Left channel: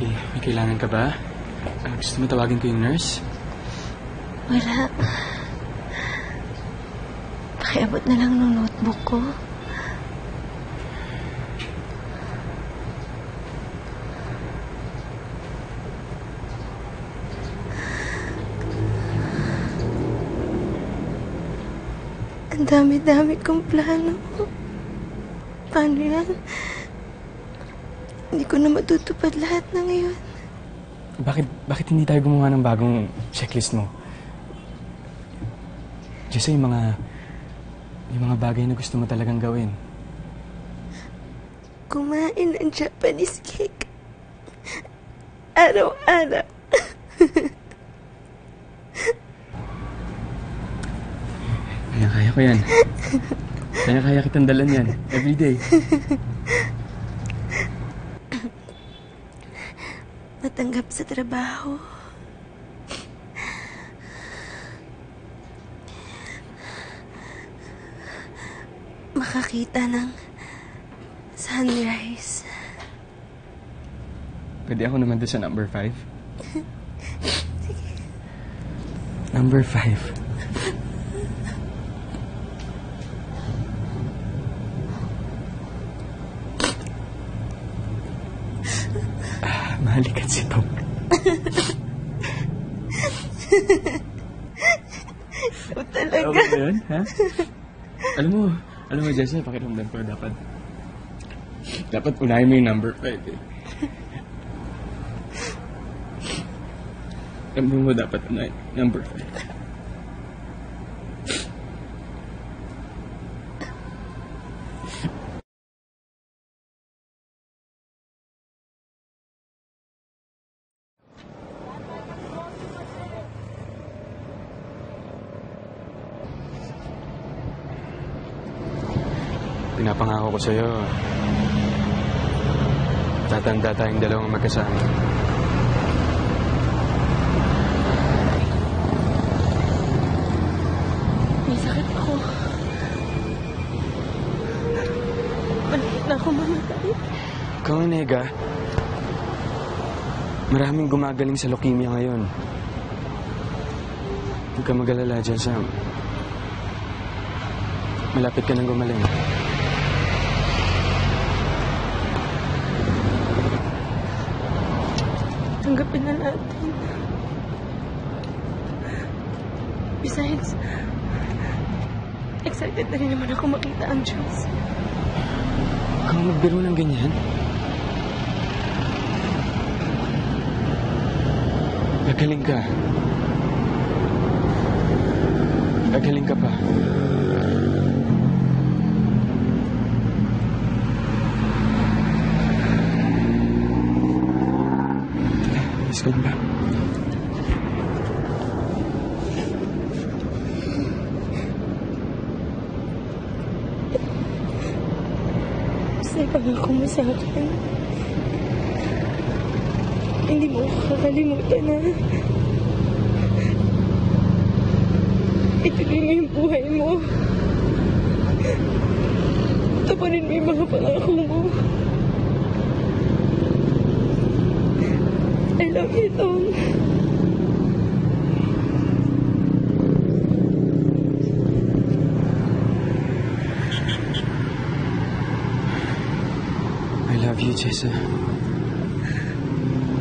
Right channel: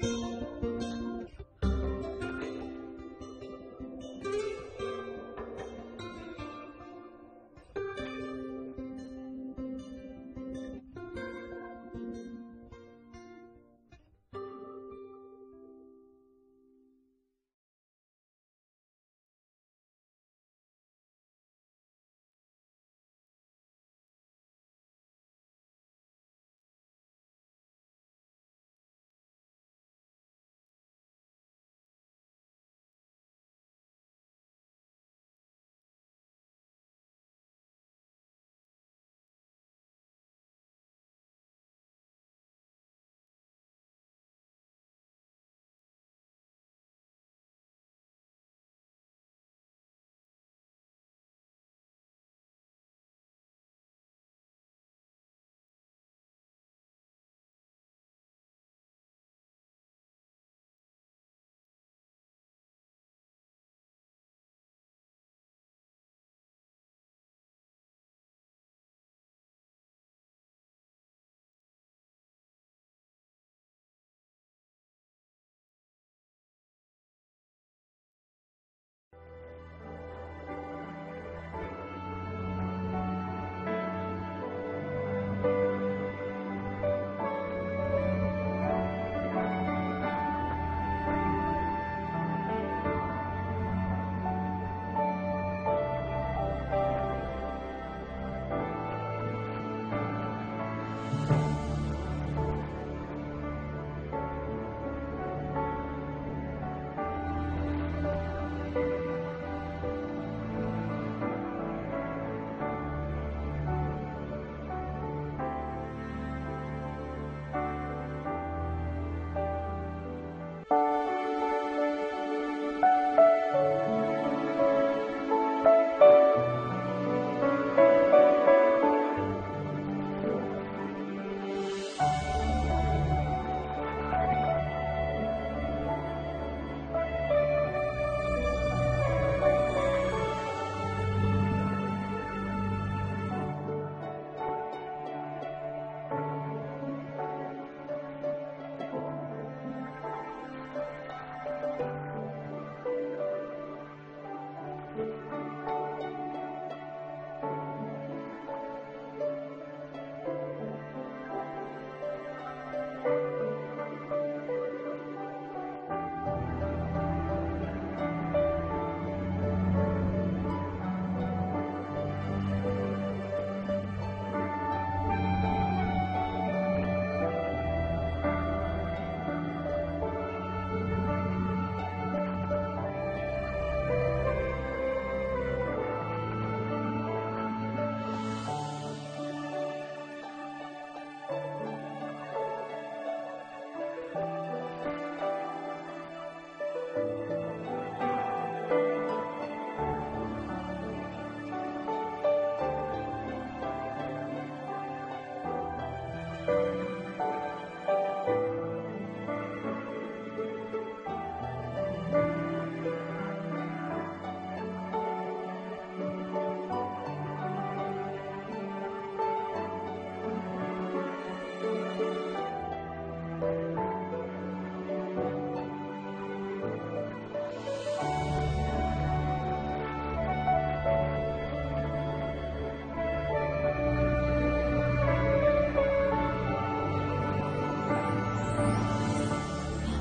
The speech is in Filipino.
May kailangan ka ba? Gusto mo tawagin ko yung nurse? Wala. Pakiabot na lang ng notebook ko. Ang dami-dami kong plano. Paano yan? Hindi ko na matutupad lahat na ngayon. Bakit hindi tayo gumawa ng bagong checklist mo? Jessa, yung mga bagay na gusto mo talagang gawin. Kumain ng Japanese cake. Araw-araw. Kaya ko yan. Kaya kitang dalan yan. Everyday. Matanggap sa trabaho. Makakita ng sunrise. Pwede ako naman doon sa number 5? Number 5. Mahalikat si Tom. Ikaw talaga. Okay ba yun, ha? Alam mo, Jessa, pakiramdam ko dapat unahin mo yung number 5, eh. Alam mo, dapat unahin number 5. Pinapangako ko sa'yo, tatanda tayong dalawang magkasama. May sakit ako. Malapit na ako mamatay. Ikaw, Nega, maraming gumagaling sa leukemia ngayon. Huwag ka mag-alala dyan, Sam. Malapit ka nang gumaling. Tanggapin na natin. Besides, excited na rin naman ako makita ang Diyos. Huwag kang magbiro ng ganyan. Gagaling ka. Gagaling ka pa. Let's go back. Masaya pa nga ako sa akin. Hindi mo ako kakalimutan na. Ituloy mo yung buhay mo. Tapanin mo yung mga pangako mo. I love you, Tom. I love you, Jessa.